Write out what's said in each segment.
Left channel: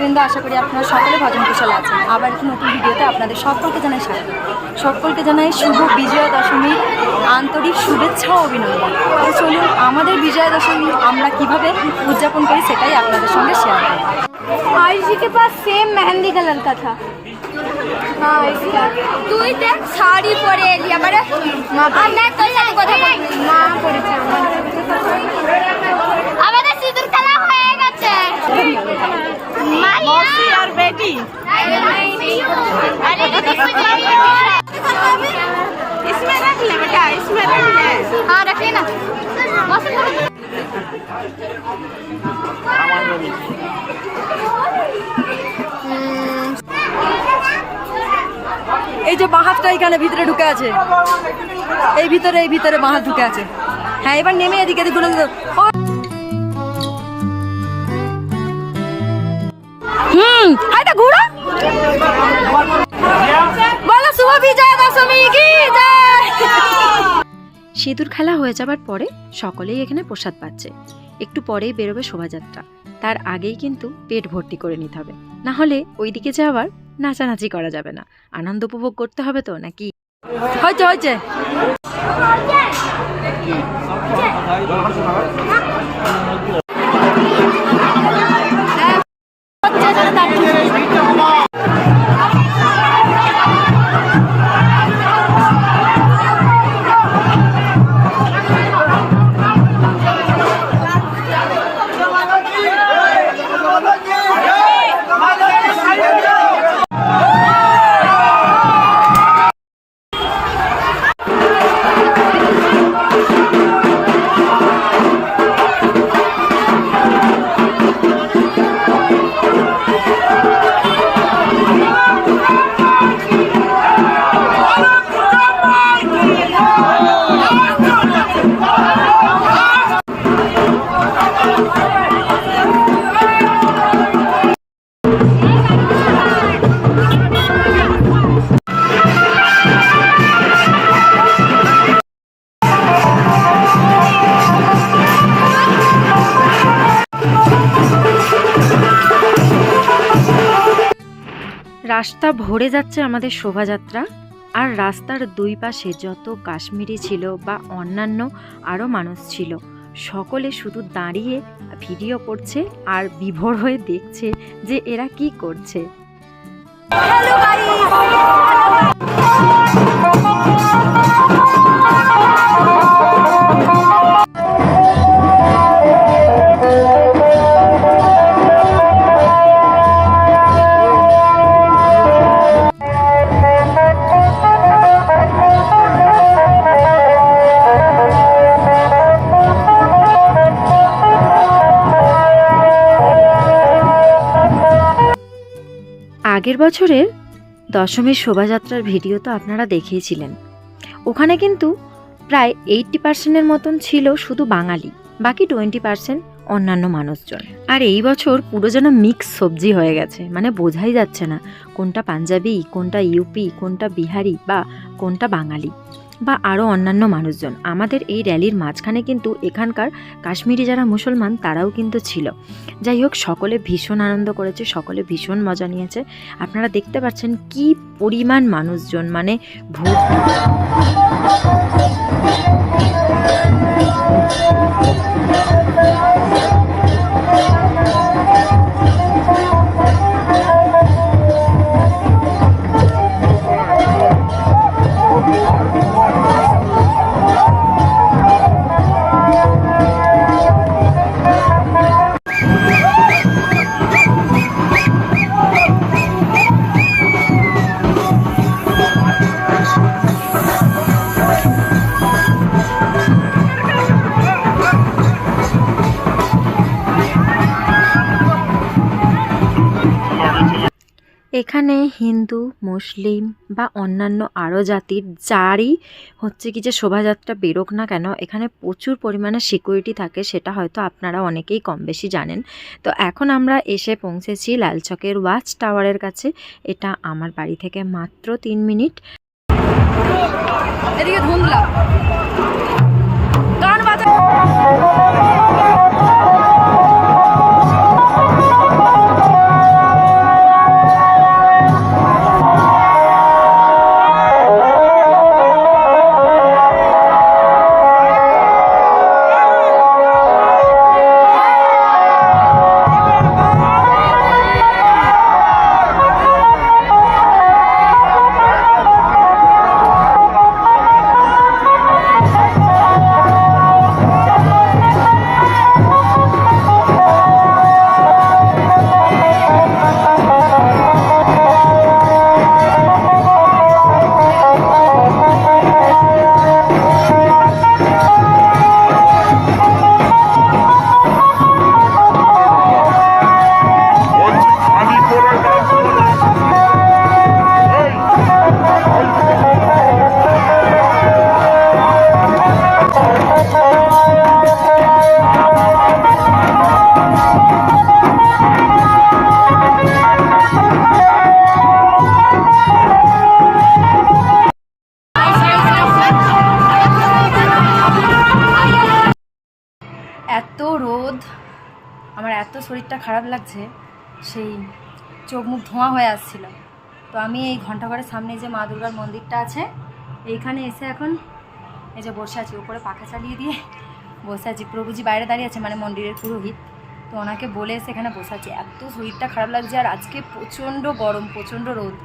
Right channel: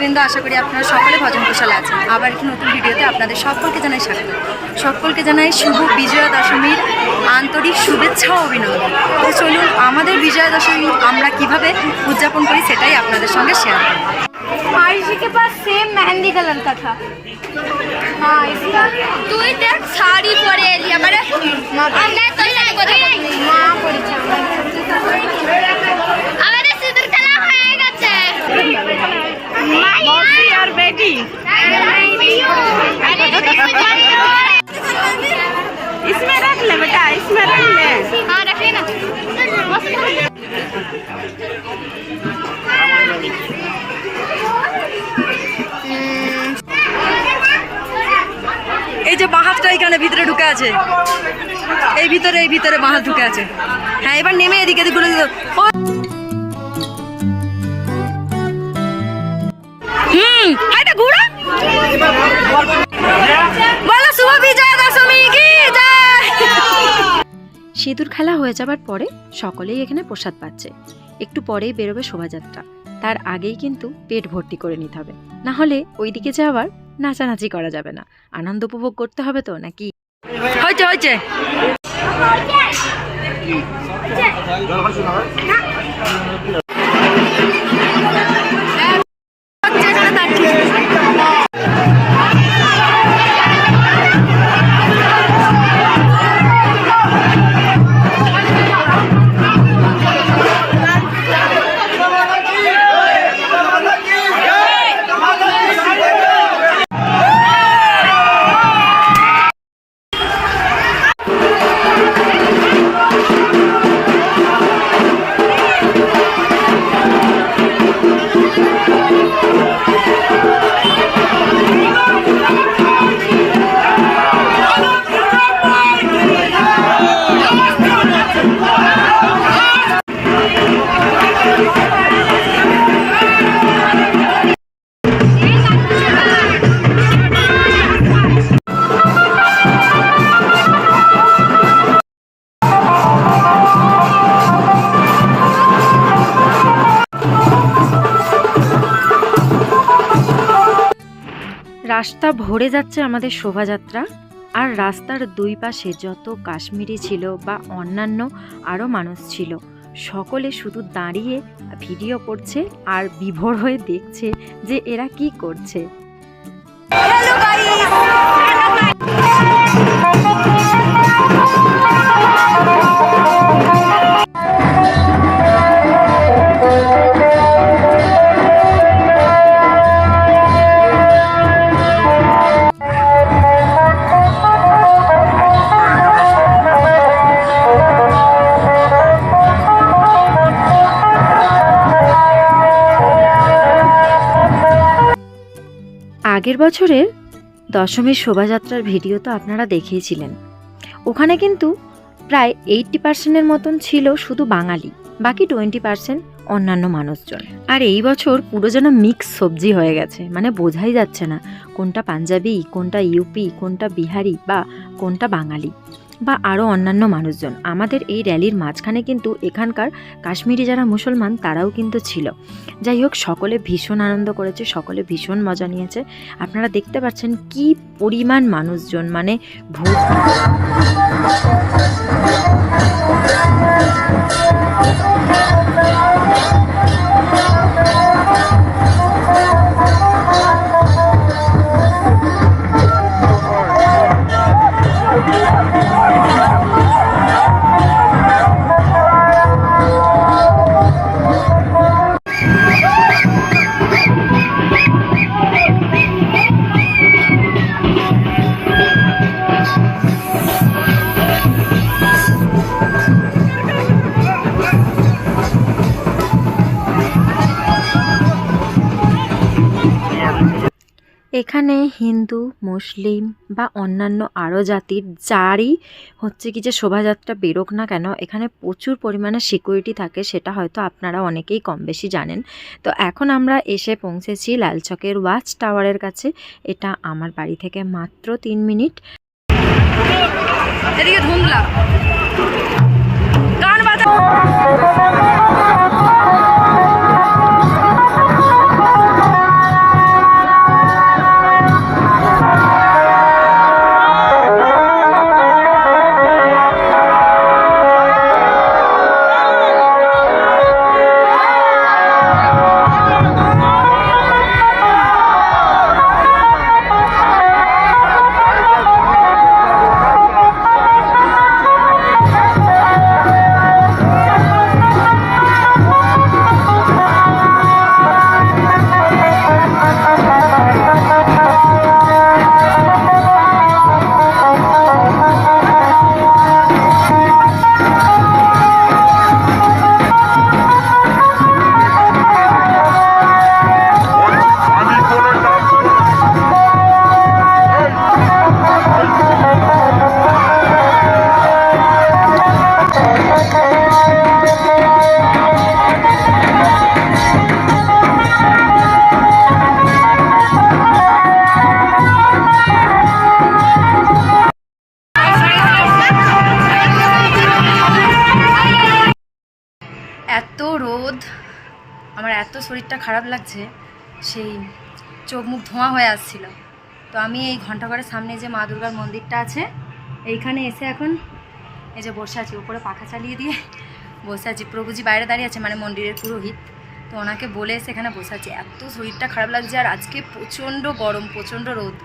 ভক্তবৃন্দ আশা করি আপনারা সকলে ভজন কুশলে আছেন আবার একটি নতুন ভিডিওতে আপনাদের সকলকে জানাই স্বাগত সকলকে জানাই শুভ বিজয়া দশমীর আন্তরিক শুভেচ্ছা ও অভিনন্দন তো চলুন আমাদের বিজয়া দশমী আমরা কিভাবে উদযাপন করি সেটাই আপনাদের সঙ্গে শেয়ার করব आयुषी के पास सेम मेहंदी कलर का था हाँ इसका তুই দেখ শাড়ি পরে এলি আমারে না আমরা তো শাড়ি পরে এই যে বাহাতটা এখানে ভিতরে ঢুকে আছে। এই ভিতরে এই ভিতরে বাহাত ঢুকে আছে। হ্যাঁ এবার নেমে এদিকে এদিকে হুম দশমী, কি সিঁদুর খেলা হয়ে যাবার পরে সকলেই এখানে প্রসাদ পাচ্ছে। একটু পরেই বেরোবে শোভাযাত্রা। তার আগেই কিন্তু পেট ভর্তি করে নিতে হবে। না হলে ওইদিকে যে আবার নাচানাচি করা যাবে না। আনন্দ উপভোগ করতে হবে তো নাকি? হয়েছে হয়েছে। রাস্তা ভরে যাচ্ছে আমাদের শোভাযাত্রা। আর রাস্তার দুই পাশে যত কাশ্মীরি ছিল বা অন্যান্য আরও মানুষ ছিল, সকলে শুধু দাঁড়িয়ে ভিডিও করছে আর বিভোর হয়ে দেখছে যে এরা কি করছে। আগের বছরের দশমীর শোভাযাত্রার ভিডিও তো আপনারা দেখিয়েছিলেন। ওখানে কিন্তু প্রায় এইটটি পার্সেন্টের মতন ছিল শুধু বাঙালি, বাকি টোয়েন্টি পার্সেন্ট অন্যান্য মানুষজন। আর এই বছর পুরো যেন মিক্স সবজি হয়ে গেছে মানে বোঝাই যাচ্ছে না কোনটা পাঞ্জাবি, কোনটা ইউপি, কোনটা বিহারি বা কোনটা বাঙালি। বা আরও অন্যান্য মানুষজন। আমাদের এই র্যালির মাঝখানে কিন্তু এখানকার কাশ্মীরি যারা মুসলমান, তারাও কিন্তু ছিল। যাই হোক, সকলে ভীষণ আনন্দ করেছে, সকলে ভীষণ মজা নিয়েছে। আপনারা দেখতে পাচ্ছেন কি পরিমাণ মানুষজন মানে ভূত। এখানে হিন্দু, মুসলিম বা অন্যান্য আরও জাতির যারই হচ্ছে কি যে শোভাযাত্রা বেরোক না কেন, এখানে প্রচুর পরিমাণে সিকিউরিটি থাকে সেটা হয়তো আপনারা অনেকেই কম বেশি জানেন। তো এখন আমরা এসে পৌঁছেছি লালচকের ওয়াচ টাওয়ারের কাছে, এটা আমার বাড়ি থেকে মাত্র তিন মিনিট। এদিকে ধুন্দলা। এত রোদ, আমার এত শরীরটা খারাপ লাগছে, সেই চোখ মুখ ধোঁয়া হয়ে আসছিল। তো আমি এই ঘণ্টাঘরের সামনে যে মা দুর্গার মন্দিরটা আছে, এইখানে এসে এখন এই যে বসে আছি, উপরে পাখা চালিয়ে দিয়ে বসে আছি। প্রভুজি বাইরে দাঁড়িয়ে আছে মানে মন্দিরের পুরোহিত। তো ওনাকে বলে এসে এখানে বসে আছি। এত শরীরটা খারাপ লাগছে, আর আজকে প্রচণ্ড গরম, প্রচণ্ড রোদ।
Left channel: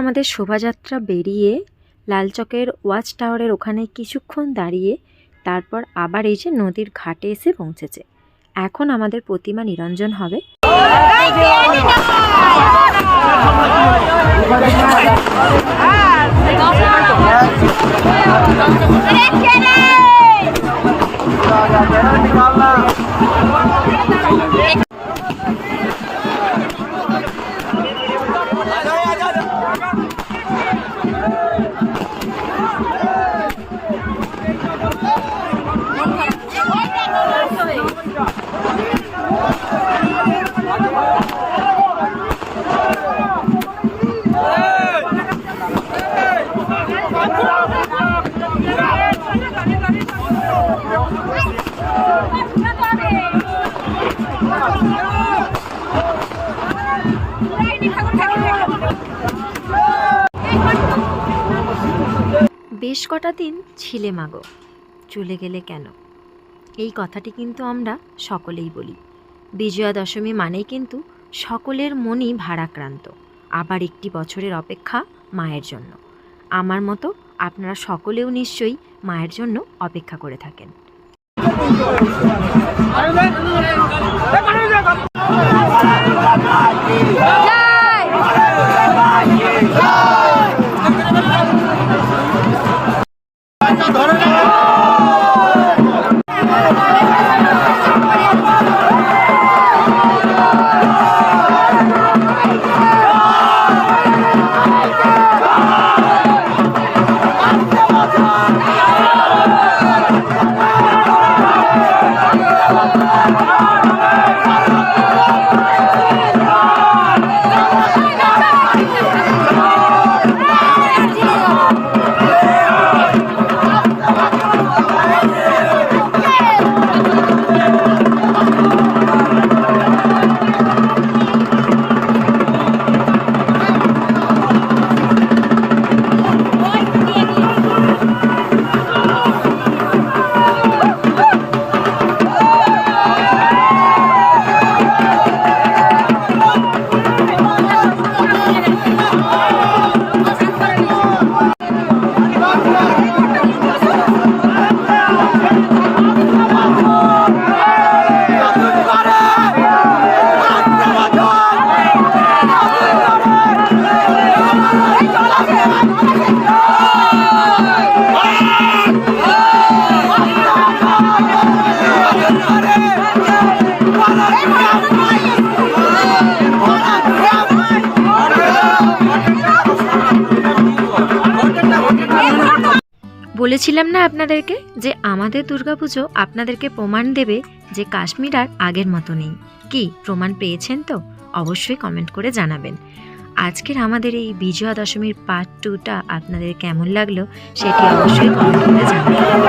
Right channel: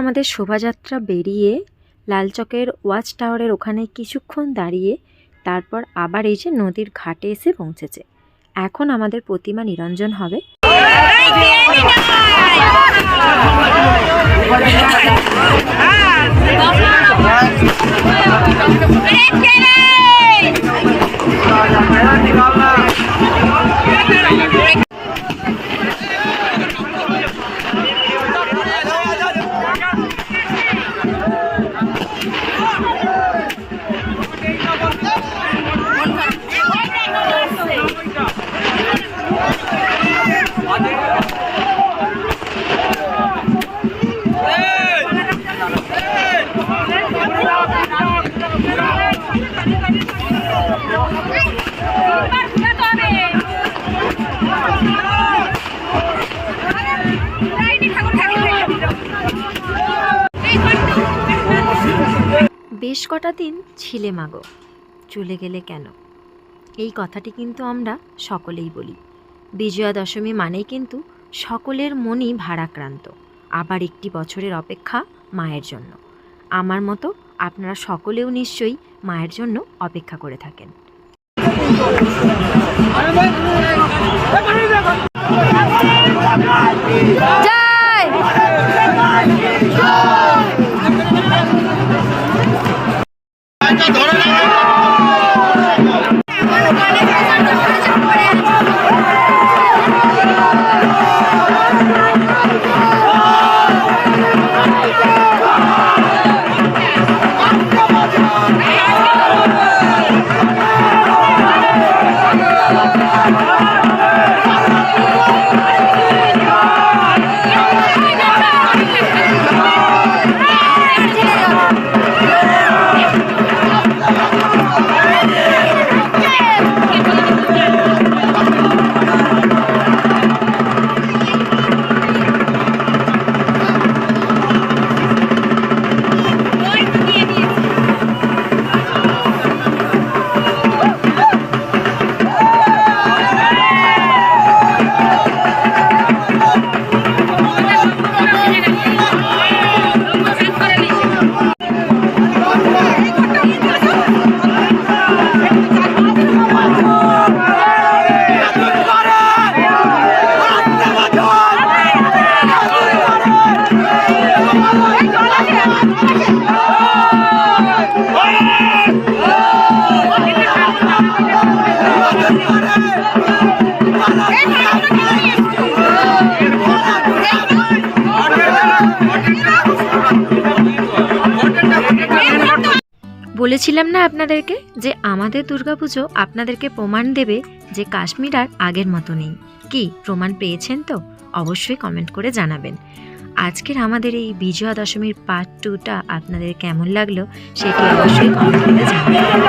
আমাদের শোভাযাত্রা বেরিয়ে লালচকের ওয়াচ টাওয়ারের ওখানে কিছুক্ষণ দাঁড়িয়ে তারপর আবার এই যে নদীর ঘাটে এসে পৌঁছেছে। এখন আমাদের প্রতিমা নিরঞ্জন হবে। বেশ কটা দিন ছিলে মাগো, চলে গেলে কেন? এই কথাটি কিন্তু আমরা সকলেই বলি। বিজয়া দশমী মানেই কিন্তু সকলের মনই ভারাক্রান্ত, আবার একটি বছরের অপেক্ষা মায়ের জন্য। আমার মতো আপনারা সকলেও নিশ্চয়ই মায়ের জন্য অপেক্ষা করে থাকেন। જય! বলেছিলাম না আপনাদেরকে যে আমাদের দুর্গাপুজো আপনাদেরকে প্রমাণ দেবে যে কাশ্মীর আর আগের মতো নেই। কি, প্রমাণ পেয়েছেন তো? অবশ্যই কমেন্ট করে জানাবেন। আজকের আমাদের এই বিজয়া দশমীর পার্ট টুটা আপনাদের কেমন লাগল সেটি অবশ্যই কমেন্ট করে জানাবেন।